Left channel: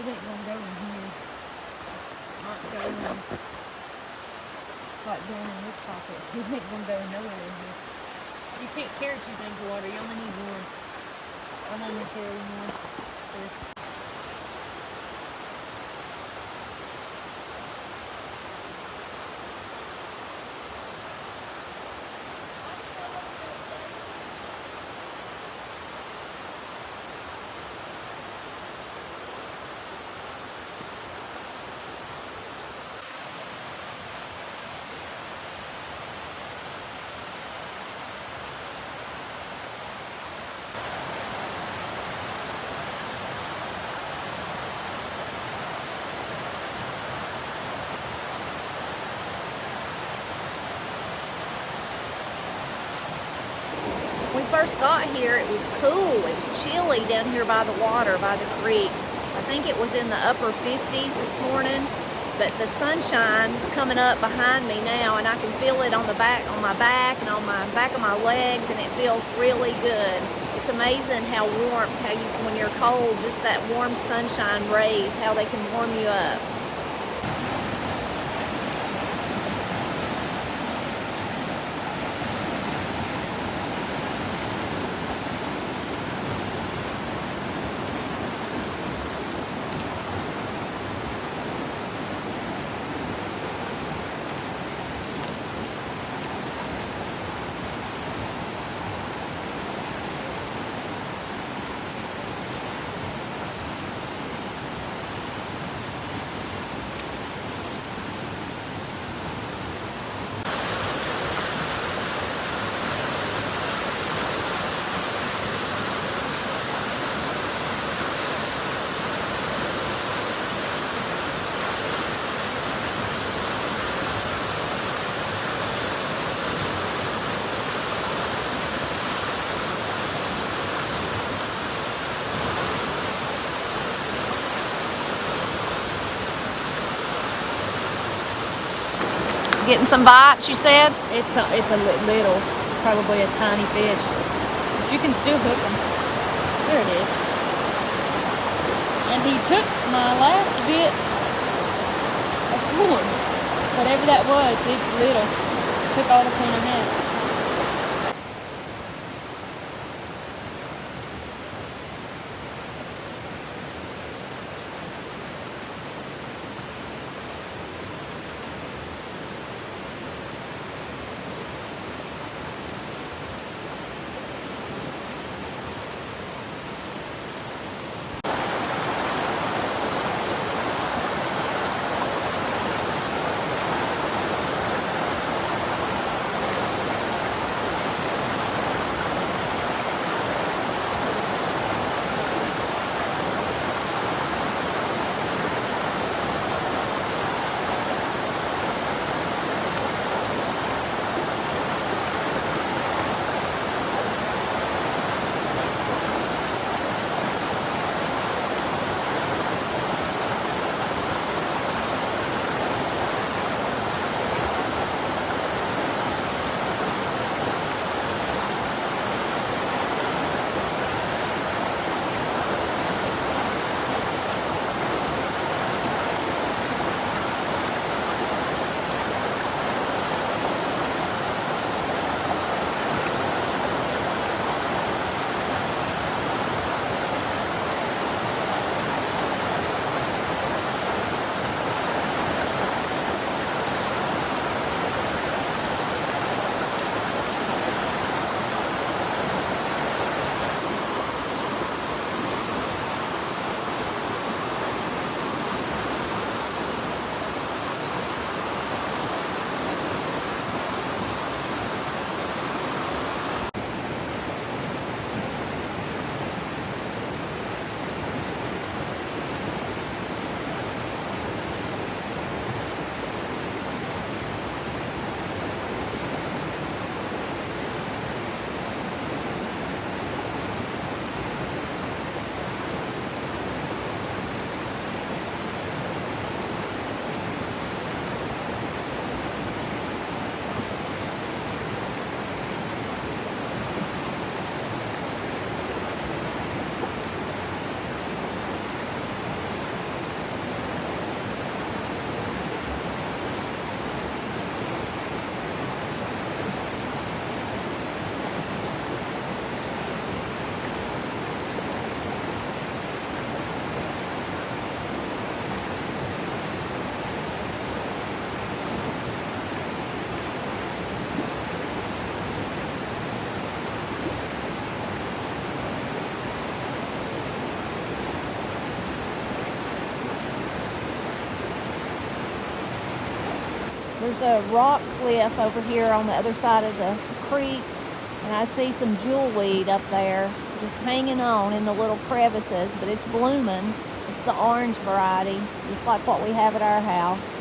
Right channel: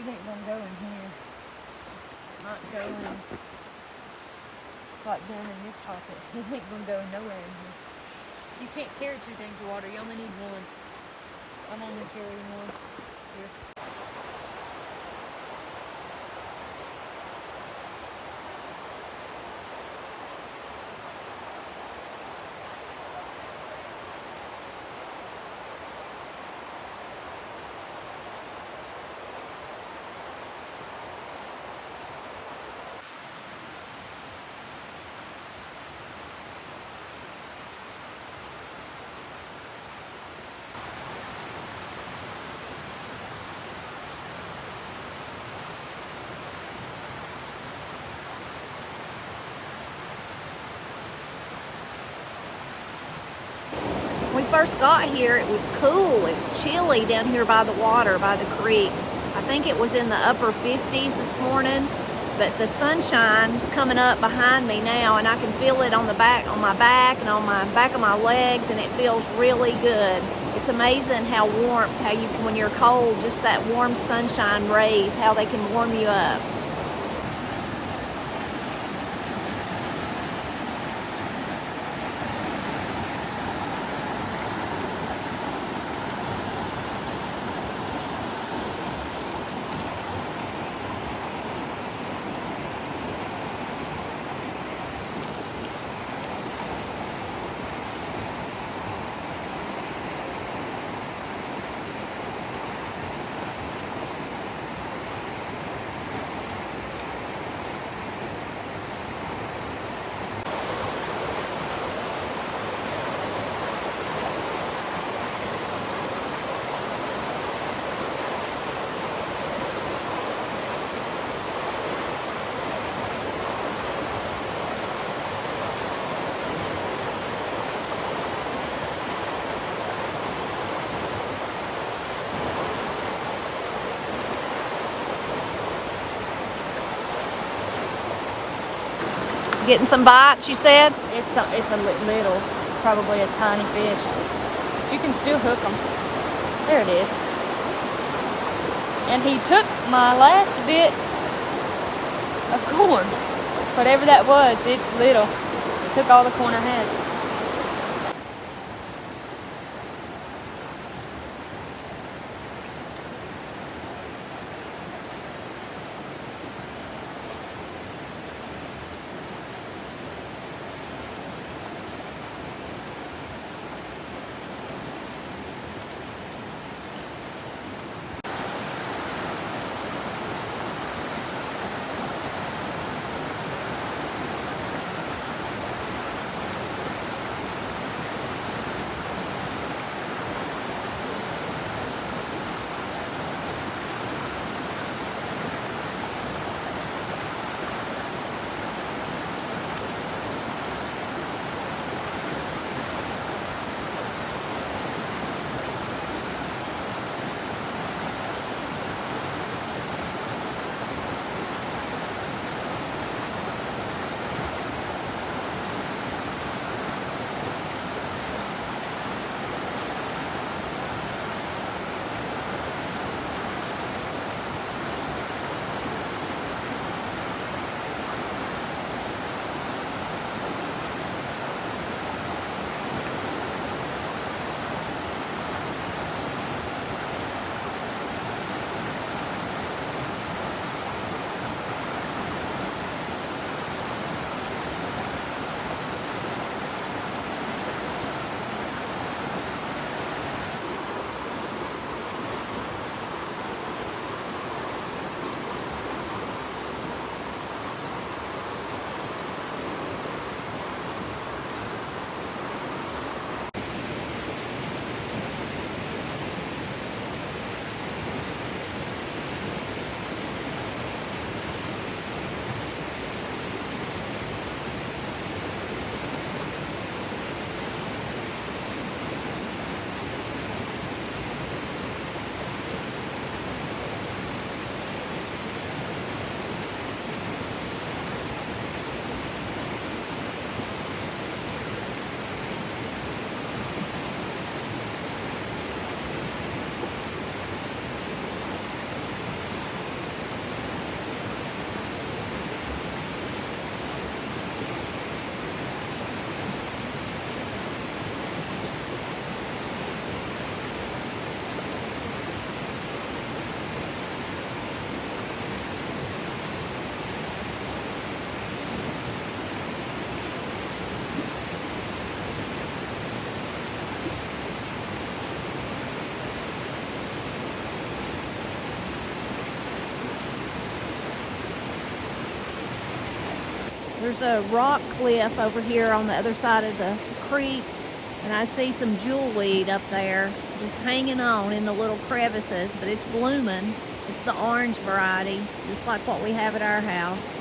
It ain't gonna go in here. It might go in, like down in this pocket. It ain't gonna go nowhere in here. You can't carry two things of water. You only need one. I'm only carrying one. Here. When we first got here, it was cool. It was chilly down here by the water, by the creek. I think it was in the upper 50s this morning, but the sunshine's coming up behind me now, and I can feel it on my back and on my back of my legs, and it feels really good. It's amazing how warm, when you're cold, just that warm sunshine rays, how they can warm you up. Getting some bites, you said? It's a little, probably a tiny fish, but you can still hook them. There it is. And he took my last bit of corn, whatever that was. It's little. He took all the corn I had. There's a rock cliff over here on the other side of the creek, and I see some jewelweed up there just hanging on in the little crevices, but it's blooming. It's the orange variety, just like what we have at our house.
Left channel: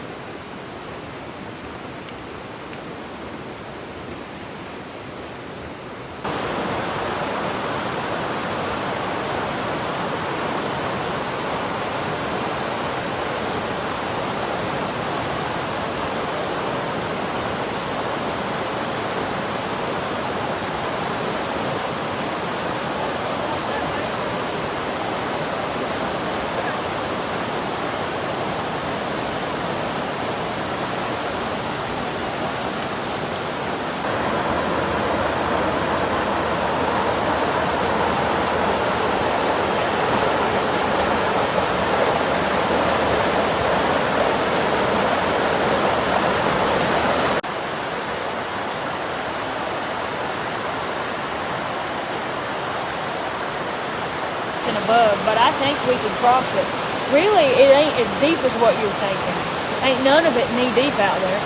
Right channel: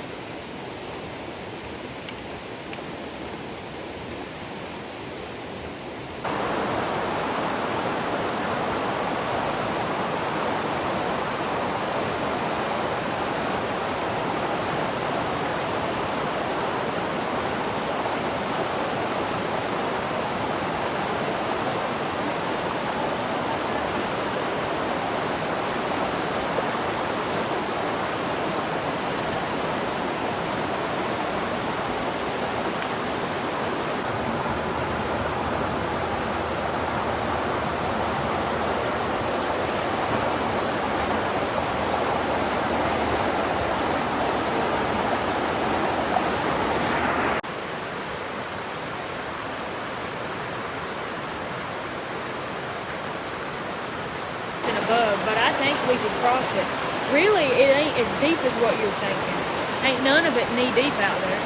Above, but I think we could cross it. Really, it ain't as deep as what you're thinking. Ain't none of it knee deep out there.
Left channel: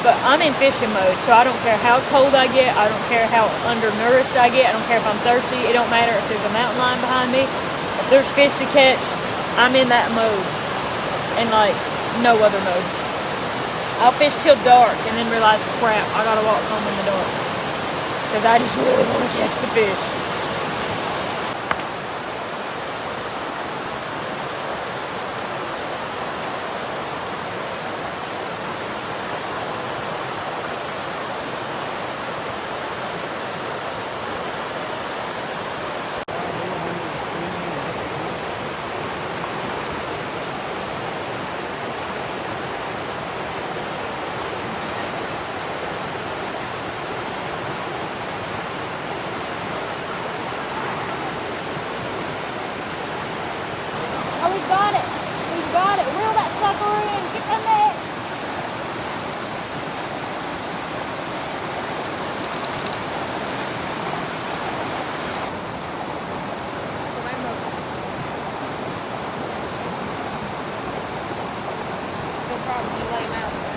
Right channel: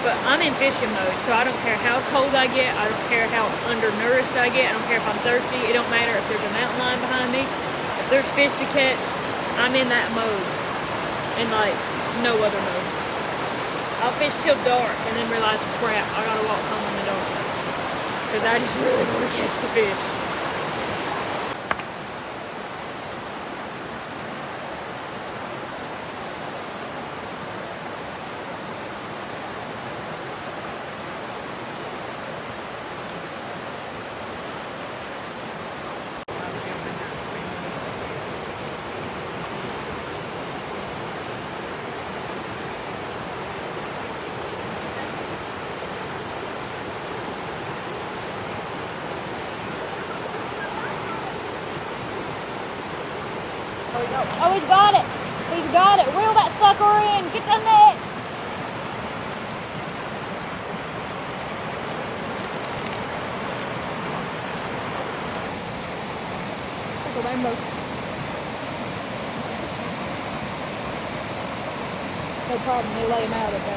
But I'm in fishing mode, so I don't care how cold I get. I don't care how undernourished I get. I don't care if I'm thirsty. It don't matter if there's a mountain lion behind me. If there's fish to catch, I'm in that mode. And like no other mode. I'll fish till dark and then realize, crap, I gotta walk home in the dark. Because I just really want to catch the fish. We got it. We got it. Reel that sucker in. Get that net. No problem. You let him out of there.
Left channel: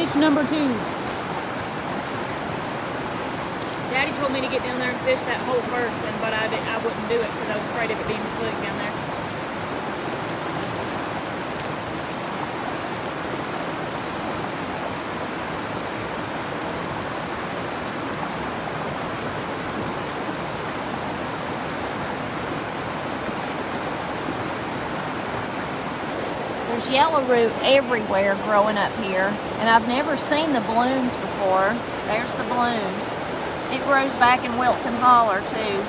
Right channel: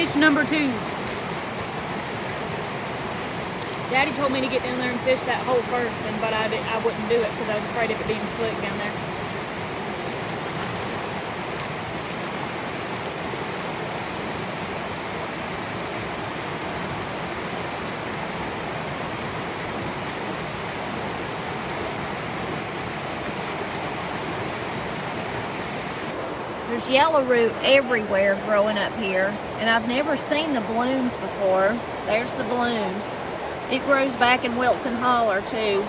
Fish number 2. Daddy told me to get down there and fish that hole first, but I wouldn't do it because I was afraid of it being slick down there. There's yellow root everywhere growing up here, and I've never seen the blooms before. There's the blooms. It grows back in Wilson Holler too.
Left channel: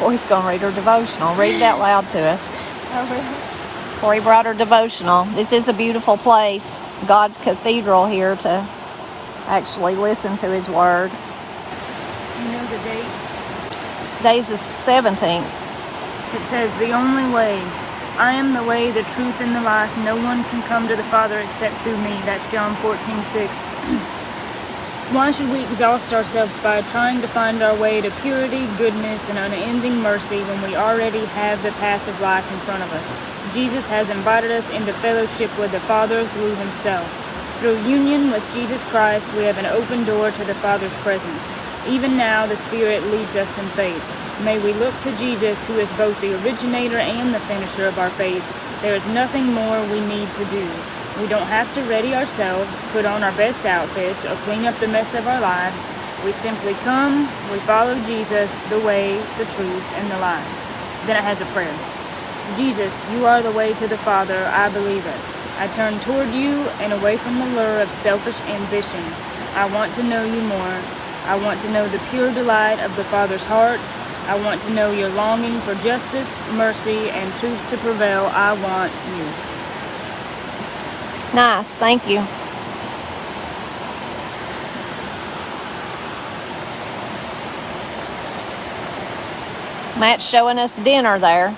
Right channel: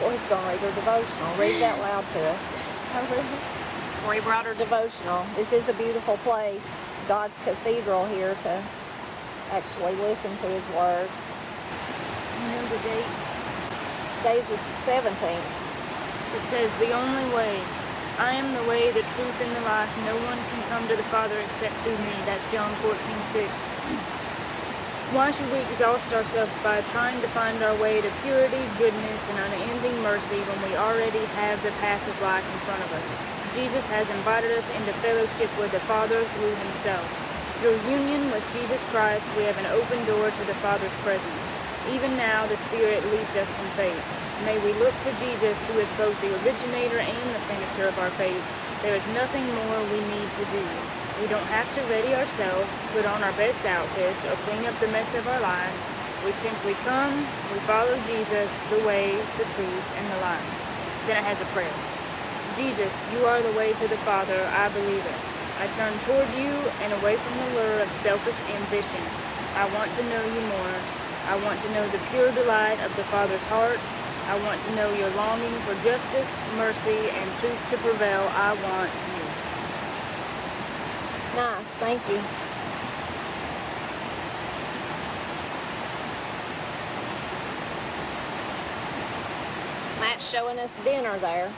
Corey's going to read her devotional. Read it out loud to us. Corey brought her devotional. This is a beautiful place, God's cathedral here to actually listen to His Word. You know the date? Today's the 17th. It says, the only way. I am the way, the truth, and the life. No one can come to the Father except through me. That's John 14:6. Why should we exhaust ourselves by trying to find our way to purity, goodness, and unending mercy when we already have the path of life in front of us? Jesus has invited us into fellowship with the Father through Himself. Through union with Jesus Christ, we have an open door to the Father's presence. Even now, the Spirit leads us in faith. May we look to Jesus, who is both the originator and the finisher of our faith. There is nothing more we need to do. We don't have to ready ourselves, put on our best outfits, or clean up the mess of our lives. We simply come, we follow Jesus, the way, the truth, and the life. Then it has a prayer. Jesus, you are the way to the Father, I believe it. I turn toward you and away from the lure of selfish ambition. I want to know you more. I want to know the pure delight of the Father's heart. I want to know your longing for justice, mercy, and truth to prevail. I want you. Nice, thank you. Matt's showing us dinner there.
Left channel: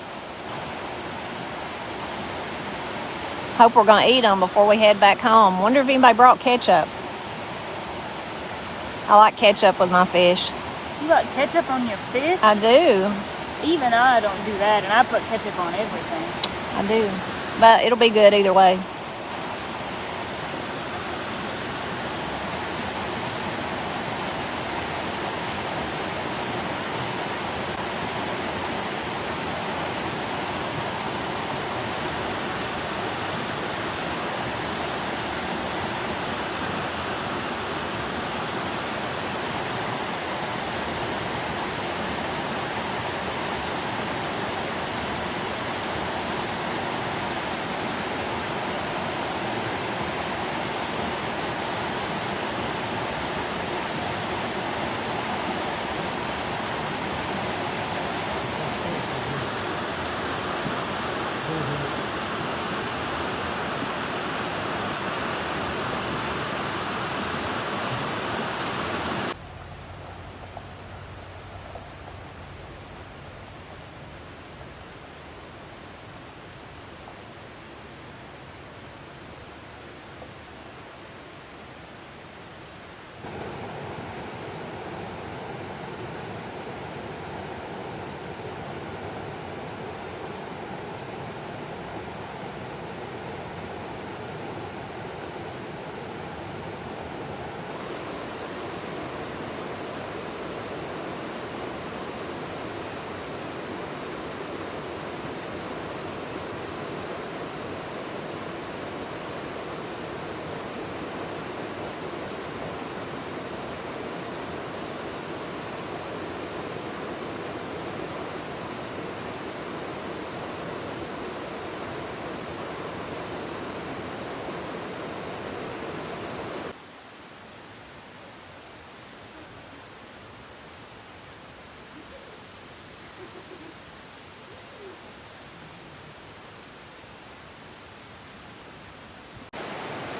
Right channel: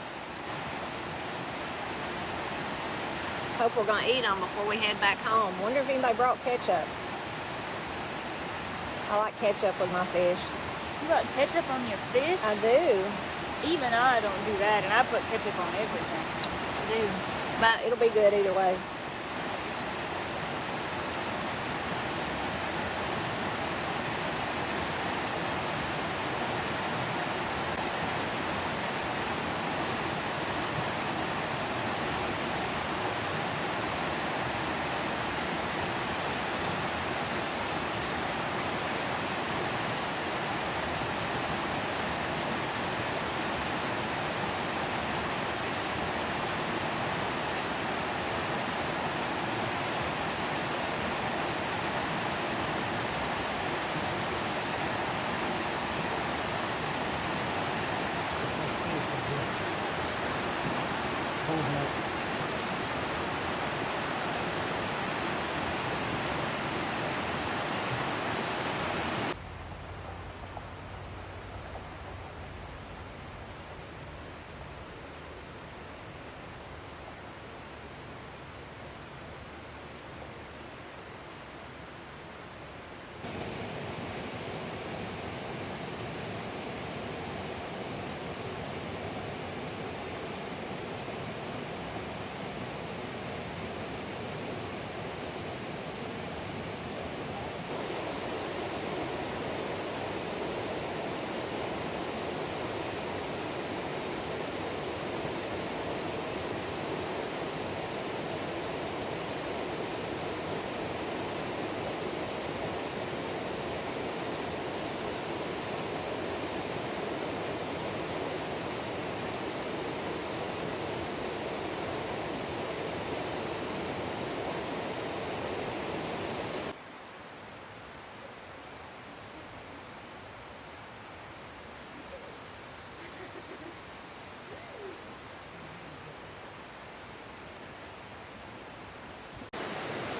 Hope we're going to eat them before we head back home. Wonder if anybody brought ketchup. I like ketchup with my fish. You got ketchup on your fish? I do. Even I don't do that, and I put ketchup on everything. I do. But it'll be good either way.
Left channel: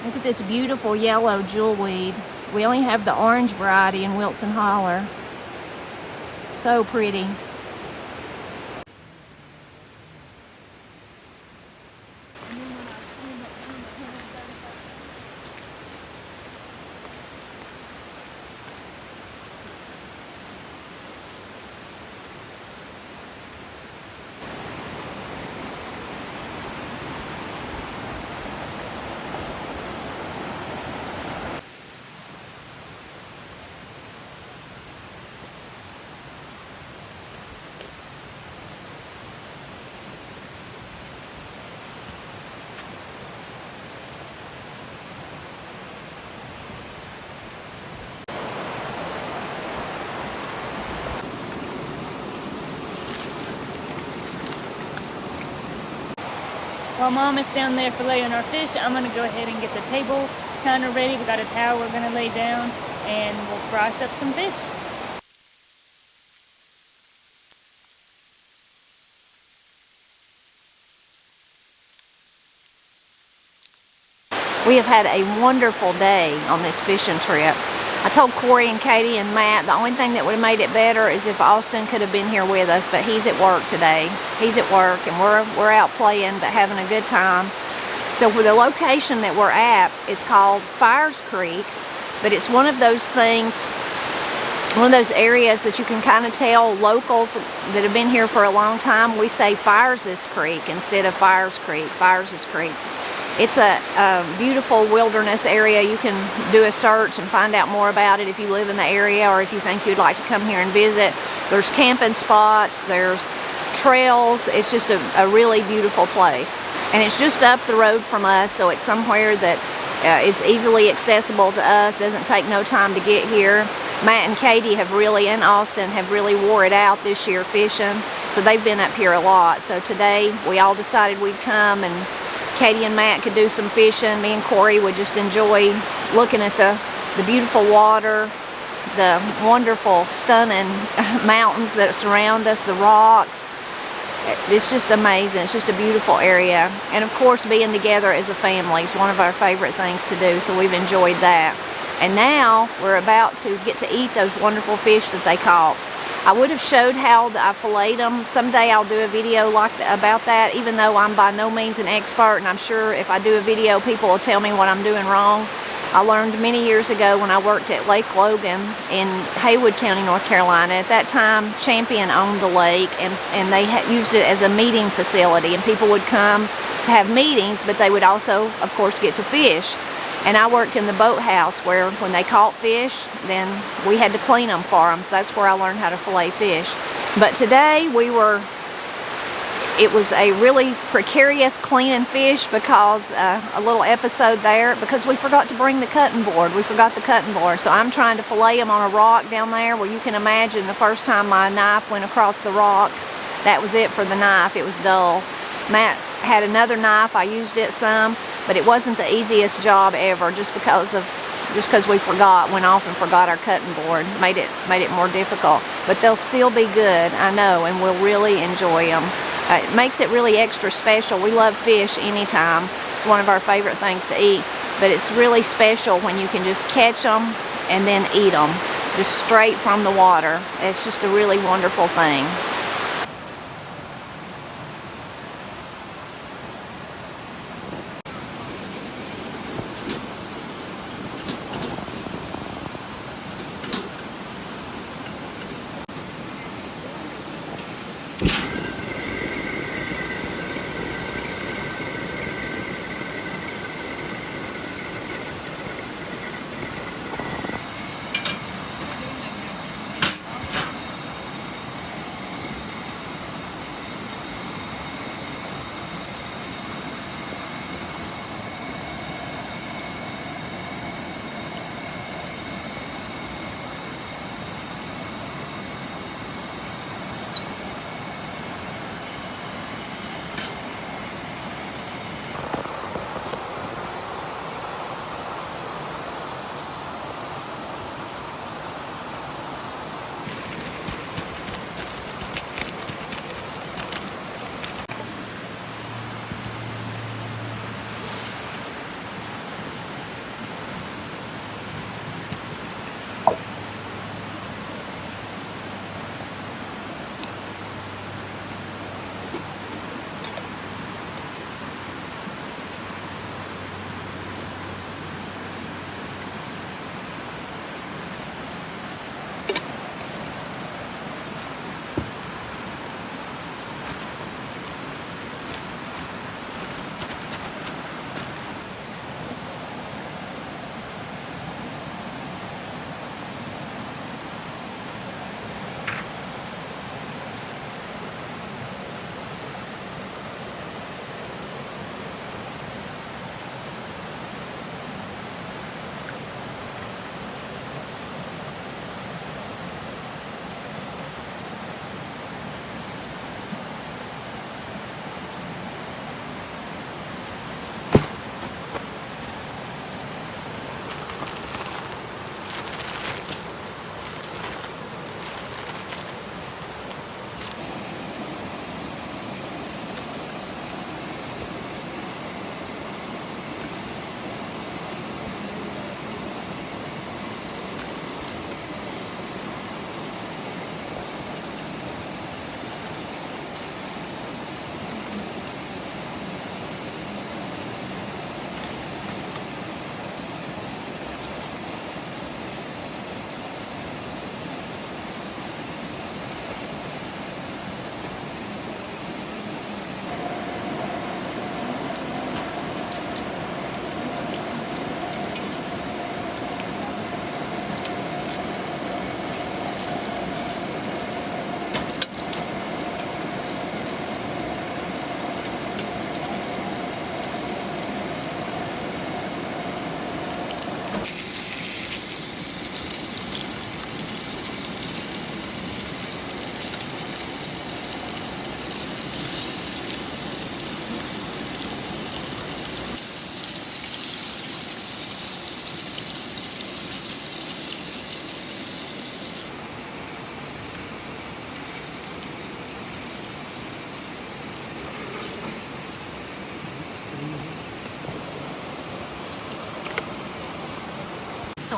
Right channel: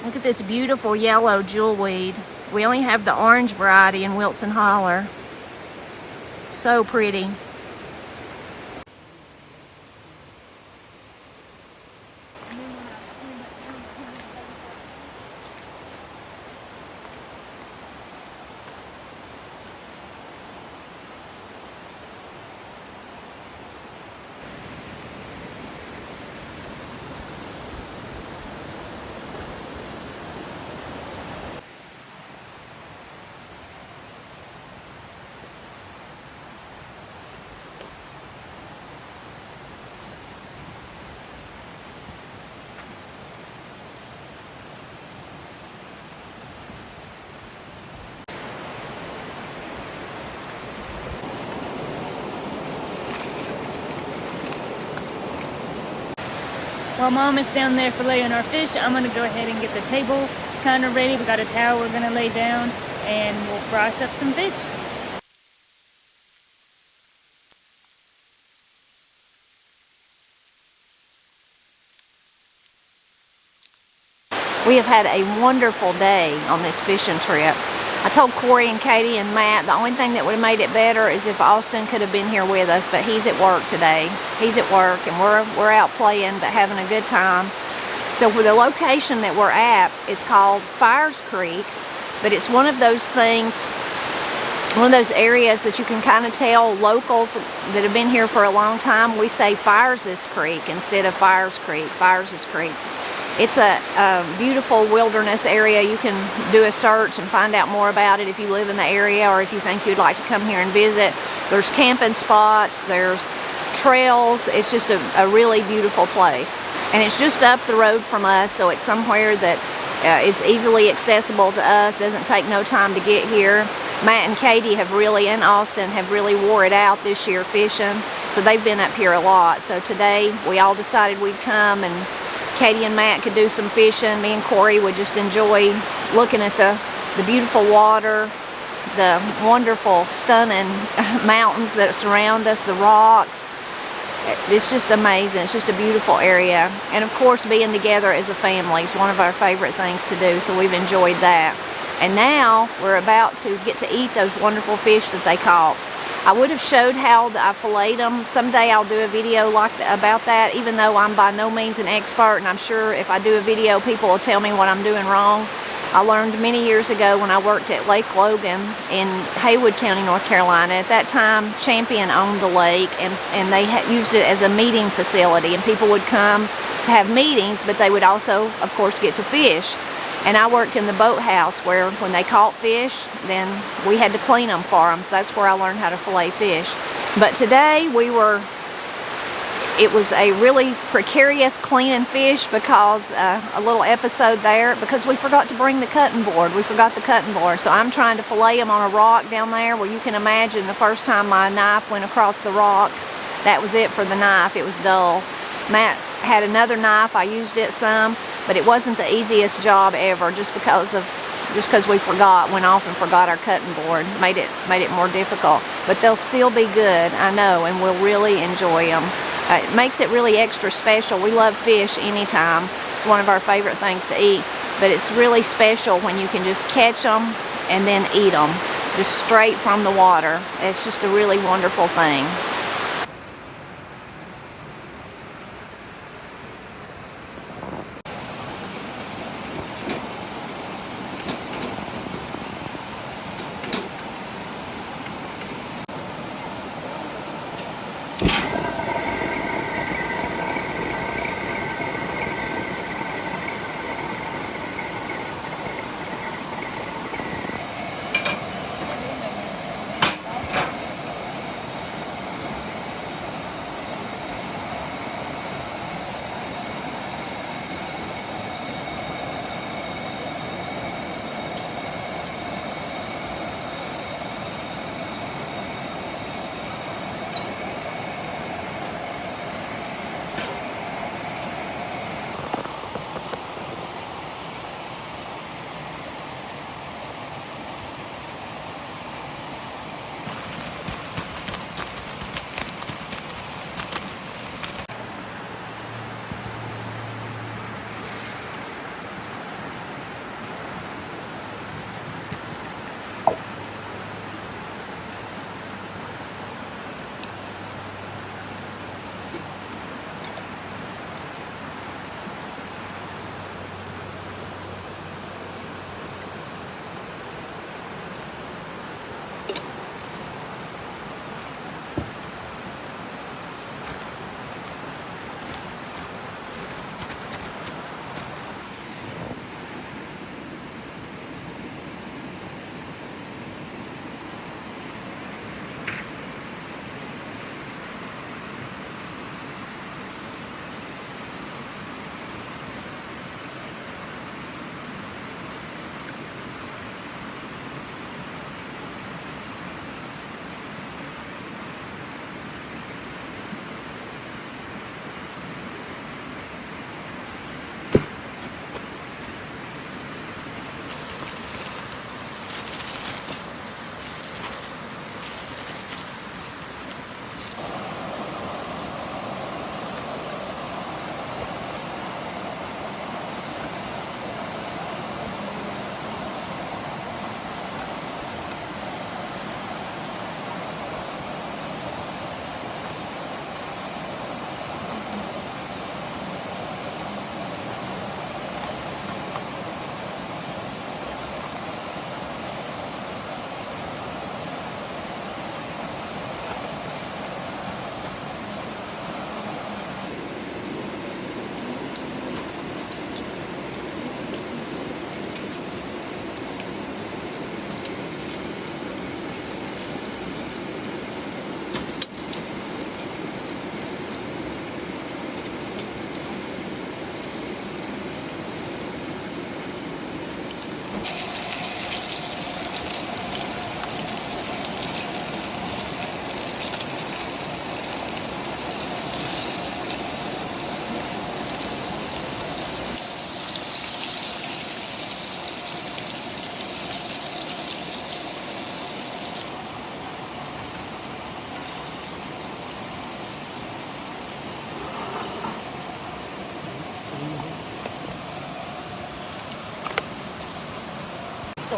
Look at this beautiful yellow jewelweed. We only have the orange variety in Wilson Holler. So pretty. While Mom is down there filleting our fish, I'm going to go ahead and get the table kind of ready. We got a towel we're going to lay down, and we'll fry up some fish. We have had a wonderful day on this fishing trip. I told Corey and Katie and Matt the only thing that would have made it better is if Austin could have been here with us, but he's at work today. He's at work and we're out playing but having a good time. So for the location that we're at is called Fires Creek, but it's one of those things, one of those areas that you can kind of tell locals that have been here for a long time, we say Fires' Creek instead of Fires Creek, Fires' Creek. It's a beautiful wilderness area. You can do a search and find out more about it if you live in the area or if you think you'd like to come here and visit. There's camping spots, there's trails. It's just a really beautiful place. And it's just up the road from us, so it's somewhere that is easily accessible to us. Doesn't take no time to get here. Matt and Katie have really, and Austin, have really wore it out this year fishing. So they've been up here a lot. So today we all decided we'd come, and Katie and Matt could do some fishing. Me and Corey would just enjoy looking at the beautiful water, the wonderful, stunning mountains that surround us, the rocks. It's just amazing. It's just a beautiful area. And of course, being together as a family is one of our favorite things to do, so we've enjoyed that. And now we're about to get to eat those wonderful fish that they caught. I would have showed how I filleted them. Someday I'll do a video about that, even though I'm by no means an expert, and I'm sure if I do a video, people will tell me what I'm doing wrong. I learned many years ago when I worked at Lake Logan in Haywood County, North Carolina. At that time, Champion owned the lake, and they used it as a meeting facility, and people would come to have meetings, but they would also, of course, get to fish. And I worked in the boathouse where when they caught fish, then we had to clean them for them, so that's where I learned how to fillet fish. But today it was a really precarious cleaning fish because a little episode there, because we forgot to bring the cutting board. We forgot the cutting board. So I'm trying to fillet them on a rock down there where you can imagine the first time my knife went across the rock, that was it for the knife. It was dull. Matt had another knife. I used it some, but it wasn't the easiest job ever just because we went off and forgot our cutting board. Made it more difficult. But they'll still be good, I know, and we'll really enjoy them. It makes it really extra special. We love fish anytime. It's one of our favorite things to eat. But it's really special when you can just catch them and then eat them, just straight from the water. It's just a really wonderful thing.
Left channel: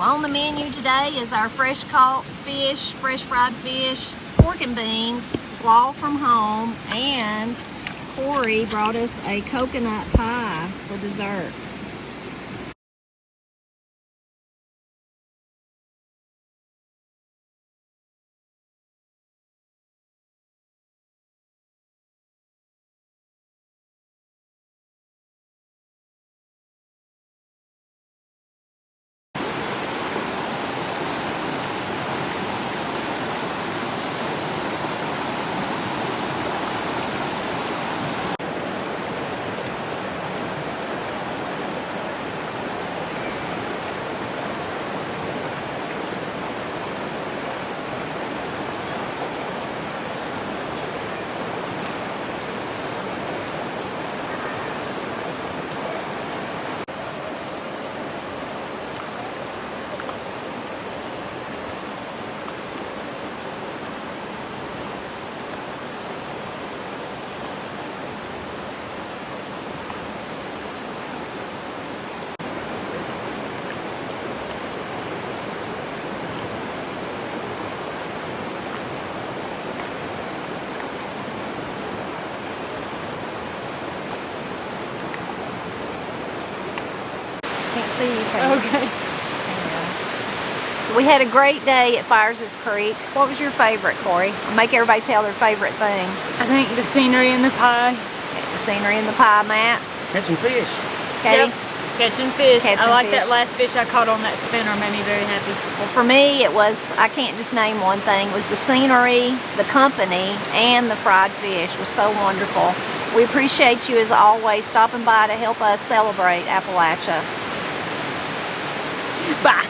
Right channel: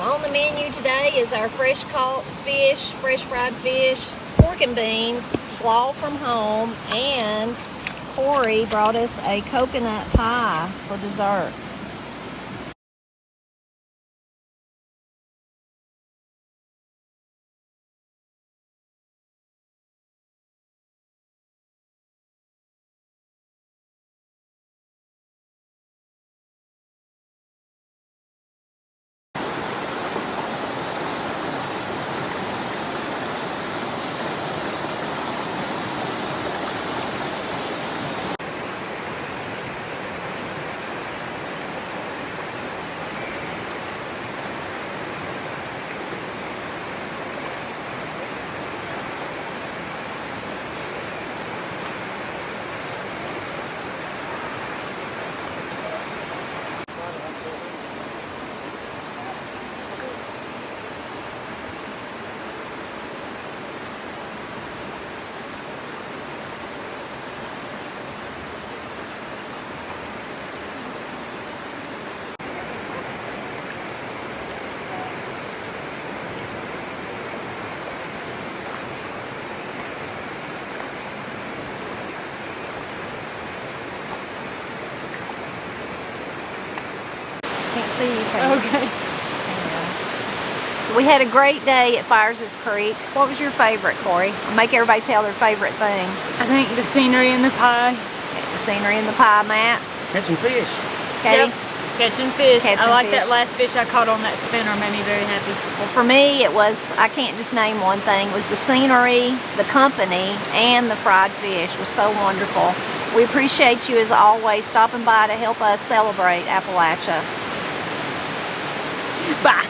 on the menu today is our fresh caught fish, fresh fried fish, pork and beans, slaw from home, and Corey brought us a coconut pie for dessert. Can't see anything. Okay. So we had a great day at Fires' Creek. What was your favorite, Corey? Make everybody tell their favorite thing. I think the scenery and the pie. The scenery and the pie, Matt. Catching fish. Katie? Yep. Catching fish. Catching I like fish. that last fish I caught on that spinner. Made me very happy. Well, for me, it was, I can't just name one thing. It was the scenery, the company, and the fried fish. It was so wonderful. We appreciate you, as always, stopping by to help us celebrate Appalachia. Bye.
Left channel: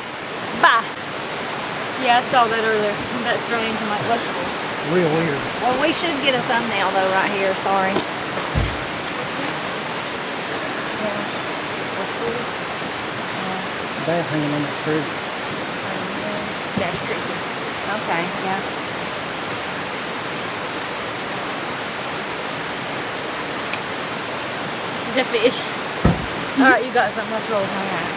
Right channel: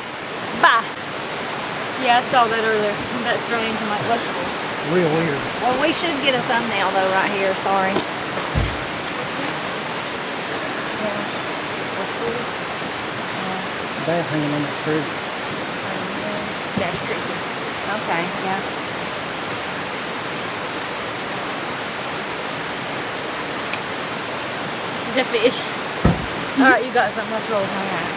Bye. Yeah, I saw that earlier. That strange. I'm like, let's go. Real weird. Well, we should get a thumbnail, though, right here. Sorry. Bad hanging on that tree. That's creepy. Okay, yeah. It's a fish. All right, you got something. Let's roll. All right.